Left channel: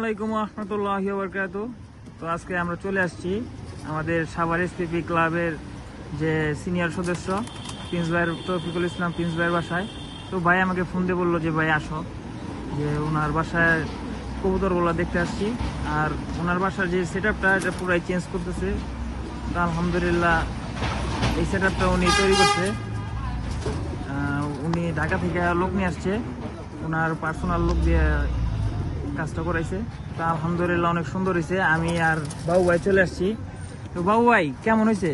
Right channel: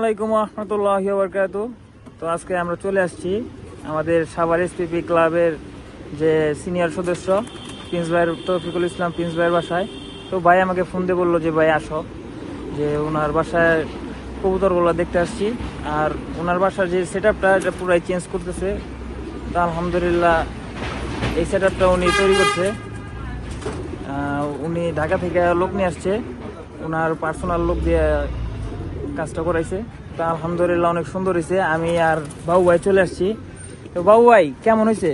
আলাইকুম রহমতুল্লাহি ওয়া বারাকাতুহু। তো আজকে আমরা চলে আসছি আমাদের সাভার এসপিপি ক্লাবের যে সিনিয়র সদস্য প্রিন্স ভাইয়ের তৌফিকুল ইসলাম প্রিন্স ভাইয়ের বাসায়। তো ভাই আমাকে ফোন দিয়ে বললো যে ভাই আসো, যে ওনার বাসায় কবুতরগুলো দেখতে আসছি। আর ওনার বাসার যে সেট আপটা এটা পুরাই চেঞ্জ করতেছে। তো আলহামদুলিল্লাহ এই সেট আপটা উনি তৈরি করছে। উনি ঢাকা থেকে লোক নিয়ে আসছে, ওনার পার্সোনাল লোক দিয়ে কাজটা করাইছে। তা আলহামদুলিল্লাহ অনেক সুন্দর হয়েছে। আমি আর বাবু ভাই চলে আসছি। তো বাবু ভাই কেমন হয়েছে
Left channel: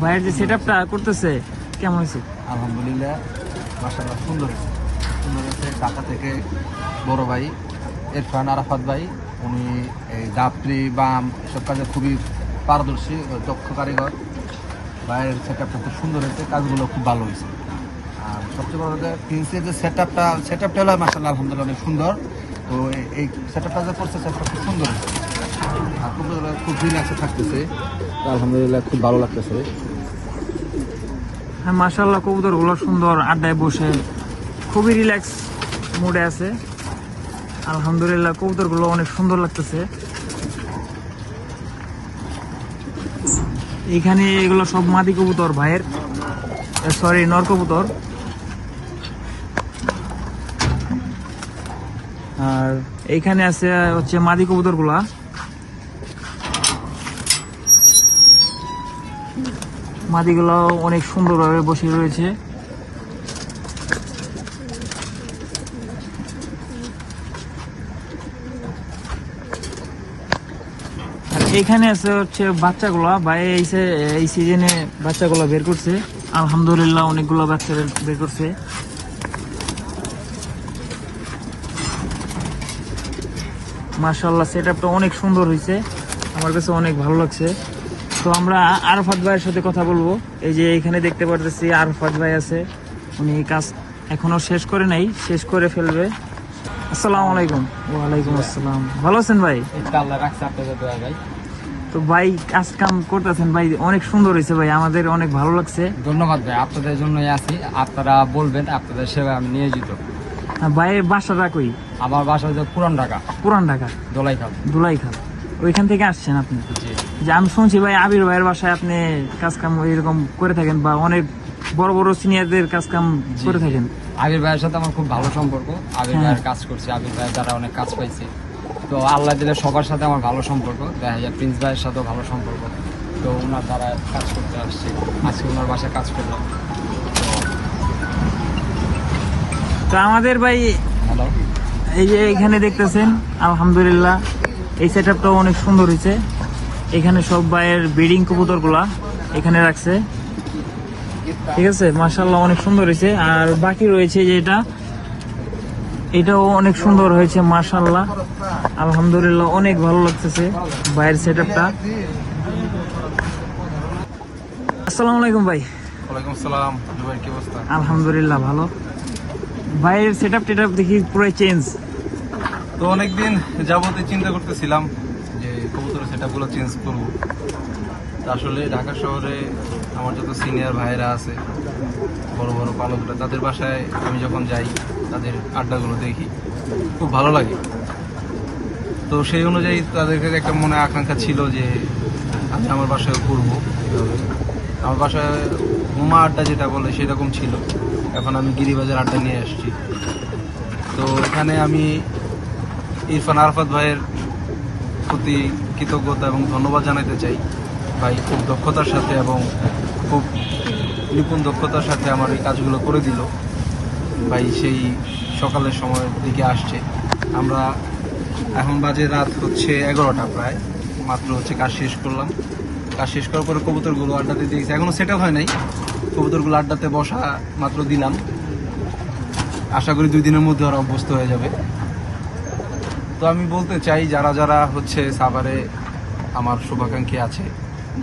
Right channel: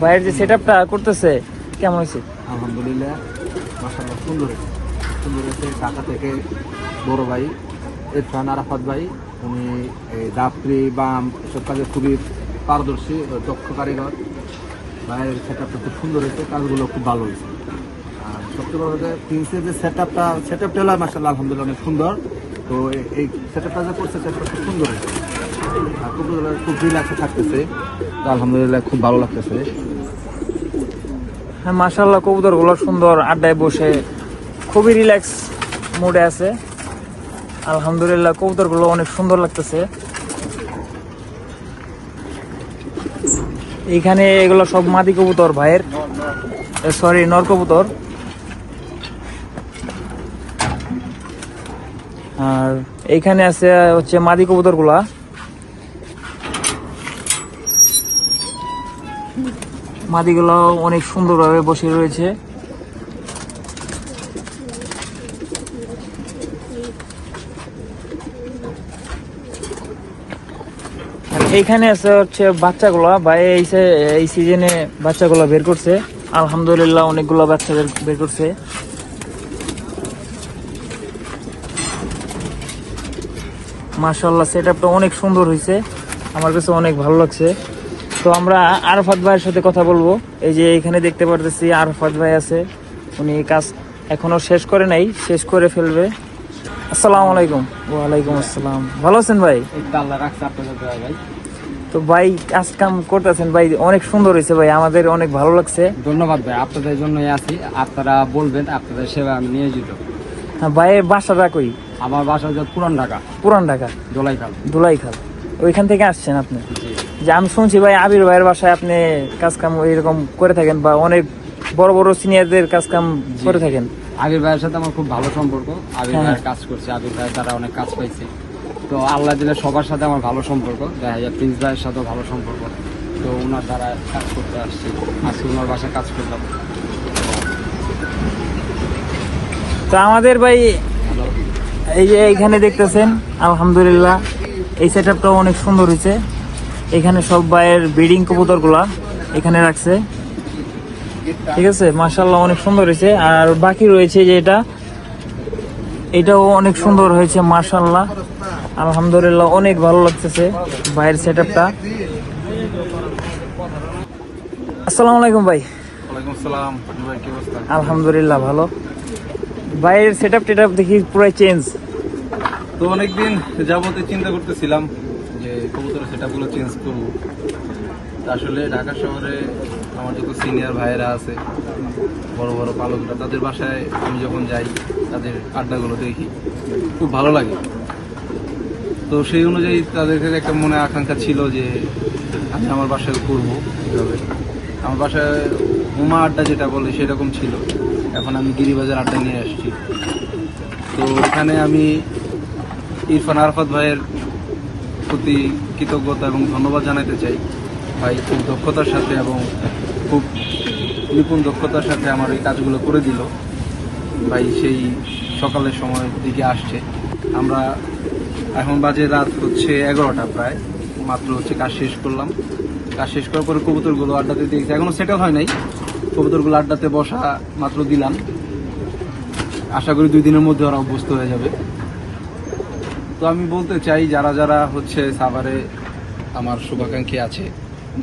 ভাইয়ের যে সেট আপটা করতেছে, কেমন হয়েছে? আলহামদুলিল্লাহ মাশাআল্লাহ সুন্দর হয়েছে। ঢাকা থেকে বড় ভাই ইরফান আরাফাত ভাই, উনি এই দাপড়ি বাম এসব কাজে খুবই পারদর্শী, দক্ষ কারিগর। ভাইয়ের সেট আপটা খুব সুন্দর হয়েছে, কাজগুলো খুব ভালো হয়েছে। আর সবচেয়ে বড় কথা প্রিন্সের যে সেট আপটা হলো মাশাআল্লাহ আলহামদুলিল্লাহ অনেক সুন্দর। তো এই সেট আপটা যে করছে সেট আপটা খুব সুন্দর হয়েছে আর খুব রিল্যাক্সে থাকতেছে। আলহামদুলিল্লাহ খুব ভালো লাগতেছে। হ্যাঁ মাশাআল্লাহ কবুতর গুলো সুন্দর, আড্ডায় বসে খুবই রিল্যাক্স মুডে আছে। আলহামদুলিল্লাহ কবুতর গুলো অনেক সুন্দর লাগতেছে। এইখানে এগুলো সব মাদি কবুতর ভাইয়ের, সরি নর কবুতর। আর এইখানে আছে হচ্ছে মাদি কবুতর গুলা। মাদিগুলো অনেক সুন্দরভাবে বসে রয়েছে। আর এইখানে আছে হচ্ছে বাচ্চাগুলা, ভাই এই সিজনে বাচ্চাগুলো বের করছে। আলহামদুলিল্লাহ অনেকগুলো বাচ্চা বের করছে। মাশাআল্লাহ সেট আপটা অনেক সুন্দর হয়েছে, আমার কাছে অনেক ভালো লাগছে। তো আমরা আরাফাত ভাইয়ের সাথে কথা বলবো। এই যে এখানে দেখতে পারতেছি আরাফাত ভাই আছে, উনি কাজ এখনো শেষ করে নাই, শেষ করে ফেলবে। আসসালামু আলাইকুম। ওয়ালাইকুম আসসালাম। ভালো আছেন ভাই? ভাই তো ভাই কাজ কাম করতেছেন ভাই, অনেক সুন্দর হয়েছে ভাই, আমাদের অনেক ভালো লাগছে। ধন্যবাদ ভাই, আপনাদের জন্যই আছি। আপনারা বলবেন, আপনাদের সেবা আমি নিয়োজিত। ভাইয়ের বাসাটা কই? আমার বাসা হচ্ছে পুরান ঢাকা। পুরান ঢাকা দোলাইখাল, ওইখান থেকে আসছেন আপনি? যে আমি শুনছি ভাই আবির ভাইয়ের বাসায় আপনি কাজ কাম এরকম করে থাকেন, বা অনেক বড় বড় সিনিয়রদের কাজ কাম করে থাকেন। আবির ভাইয়ের সাথে আমার খুব ভালো সম্পর্ক। আবির ভাইয়ের কাজ করছি, আবির ভাইয়ের দ্বারা অনেক কাজ পাইছি। তো আল্লাহ দিলে সবার সাথে আমার ভালো সম্পর্ক, দেখা যায় প্রিন্স ভাইয়ের সাথেও ভালো সম্পর্ক। তো ওনার দ্বারা কাজ করতে আসছি, আজকে ওনার বাসায় কাজ করলাম। তো আমাদের ভাই এই যে এইখানে দেখতেছেন আলহামদুলিল্লাহ এই সেট আপটাও অনেক সুন্দর হয়েছে। এখানে সব ভাইয়ের ব্রিডিং কবুতর গুলা এখানে রাখছে, ঠিক আছে। মাশাআল্লাহ অনেক সুন্দর হয়েছে। আর বাকি রয়েছে যে এটাও অনেক সুন্দর হয়েছে মাশাআল্লাহ আলহামদুলিল্লাহ অনেক ভালো লাগতেছে ভাইয়ের সেট আপটা। আসসালামু আলাইকুম ভাই। ওয়ালাইকুম আসসালাম ভাই, কি অবস্থা? আলহামদুলিল্লাহ ভালো। ভাইয়ের সেট আপ দেখি পুরাই চেঞ্জ। তো অনেকদিন যাবতীয় চিন্তা করতেছিলাম যে কবুতরের সেট আপগুলো চেঞ্জ করবো। আসলে ঢাকা শহরে আমার যত সিনিয়র ভাইয়েরা আছে, বড় বড় পালকরা, তাদের বাসায় আমি যখন যাই তাদের আড্ডাগুলো দেখি, খুব ভালো লাগে। তো সেই অনুযায়ী তাদের কাছে একটা মনে আকাঙ্ক্ষা ছিল যে আমি আমার বাসায় করবো এইভাবে। আমার বাসায় উমা আড্ডা যেটা বলে সেরকম ছিল, এখন আমি গিরিবাজার আড্ডা নিয়ে আসছি। তো এখানে আমি ইরফান আরাফাত ভাইয়ের প্রতি কৃতজ্ঞতা এবং ধন্যবাদ জানাতে চাই। ভাই খুব দক্ষতার সাথে এবং খুব নিপুণ দক্ষতার সাথে আমার এই কাজগুলো করে দিল। ভাই সেই সকালের সময়ের দিকে আসছে, আমরা এখন বাজে রাত হচ্ছে 11টা প্রায়, মাত্র হচ্ছে কাজ শেষ করলাম। কাজ শেষ করার পরে কবুতরগুলো আড্ডাতে দিয়েছে, এখনো সেট আপ হয় নাই। কবুতরগুলো আড্ডাতে বসা মাত্র দিলাম, আশা করি 2 দিনের মধ্যে ওরা অভ্যস্ত হয়ে যাবে। তো আমি বলতে চাই যারা যারা হচ্ছে সাভারে আমার শুভাকাঙ্ক্ষী আছে,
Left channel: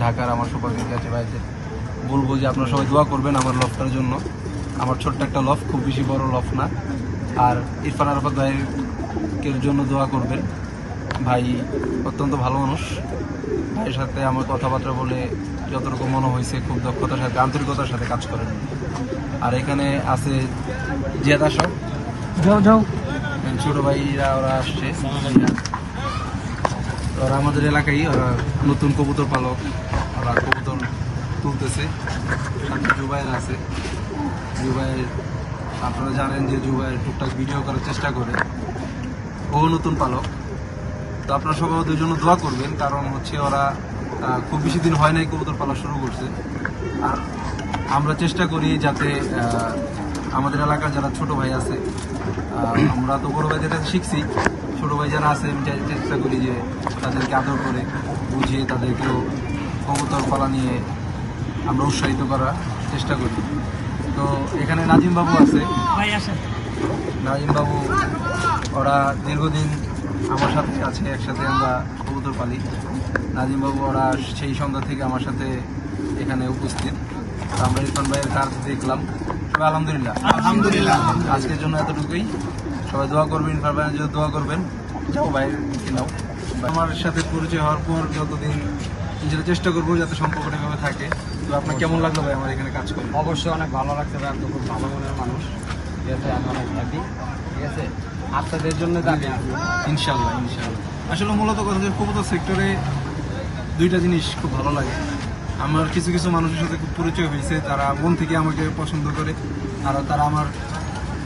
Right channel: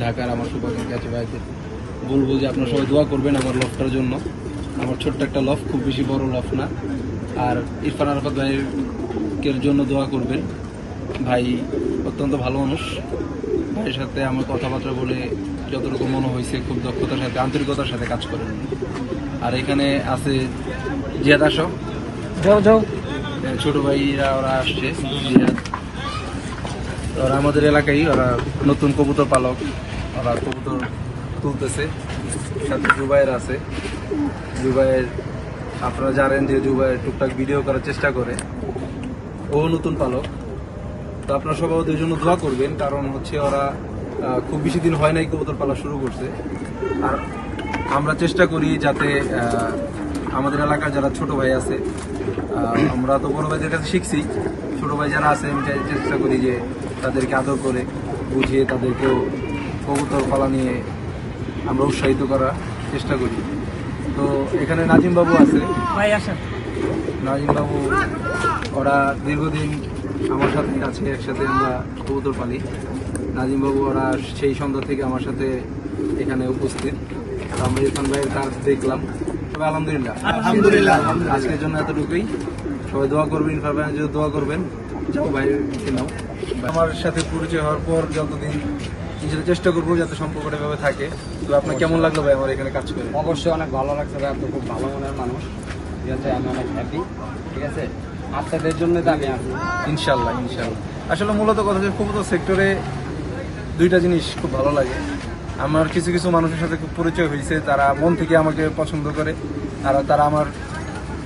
ঢাকার আমার শুভাকাঙ্ক্ষী আছে ভাইদের বলবো যে আপনারা সবাই দোয়া করবেন আমার লফটার জন্য। আমার ছোট্ট একটা লফ, খুব বেশি বড় লফ না। আর ইরফান আরাফাত ভাইয়ের জন্য দোয়া করবেন। ভাই অত্যন্ত ভালো মানুষ, ভাইয়ের সাথে আমার কথাবার্তা বলে যতটুকু মনে হয়েছে খুব দক্ষতার সাথে আন্তরিকতার সাথে কাজ করেন। আর এখানে আছে জিয়াদ, আসো যাও যাও। ছোট ভাইরা ওরা আসছে, ওরা আমাদের এলাকায়, ওরা নতুন কবুতর পালক, ওরা কবুতর তুলতেছে। সাথে জুবাইর আছে, জুবাইর আপনারা জানেন যে জুবাইর টুকটাক ভিডিও করার চেষ্টা করে, ও নতুন পালক। তো আপনারা সবাই ওদের জন্য দোয়া করবেন, কারণ হচ্ছে ওরা খুব বেশি দিন হয় নাই কবুতর পালা শুরু করছে। আর আমরা চেষ্টা করি যাতে আমাদের এলাকার যারা ছোট ভাই আছে, আমরা তো বড় ভাইদের কাছে শিখছি, ছোট ভাই যারা আছে আমি চেষ্টা করি যে তাদেরকে আদর করে বুঝিয়ে তাদেরকেও কবুতর পালা নিয়ে আমরা উৎসাহিত করার চেষ্টা করি। তো এখানে নাজিম বাবু আছে, ভাই আসেন। নাজিম বাবু ওরা দীর্ঘদিন আমার সাথে আছে, একসাথে আমরা কবুতর পালি। নাজিম বাবু ওরা সেই সন্ধ্যা থেকে আমার সাথে এখানে উপস্থিত। আমরা ইরফান ভাইয়ের কাজ দেখলাম, তবে আলহামদুলিল্লাহ আজকের জন্য এতটুকুই। সবাই দোয়া করবেন, ইরফান ভাইয়ের জন্য দোয়া করবেন। যাও ভাইকে নাও। আমার সাথে পরিচয় হওয়ার পর যতদিন নিজেরা চেষ্টা করবো যাতে সম্পর্কটা এভাবে থাকে। তো আপনার কেমন লাগলো ভাই আমার এখানে কাজ করে? অবশ্যই অনেক ভালো লাগছে ভাই, আপনি খুব ভালো মনের মানুষ, ঠিক আছে, আমি অনেক হ্যাপি, ঠিক আছে, আপনাদের জন্য আমি আসি। ইনশাল্লাহ ইনশাল্লাহ। আসলে মূলত কথা হচ্ছে কবুতর সেক্টরে দুইটা জিনিস খুব ভালো লাগে। আমার কিছু কিছু মানুষের সাথে খুব পরিচয় হয়েছে, তারা মন থেকে আমাকে পছন্দ করে, আর তারা আমার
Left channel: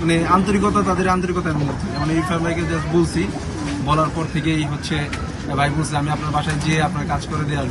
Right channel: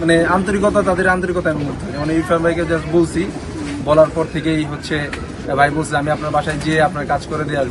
মানে আন্তরিকতা, তাদের আন্তরিকতা আমি মুগ্ধ। যেমন ইরফান ভাইকে জাস্ট বলছি, বলার পর থেকেই হচ্ছে ভাই বলছে আমি আপনার বাসায় যেয়ে আপনার কাজ করে দিয়ে আসবো।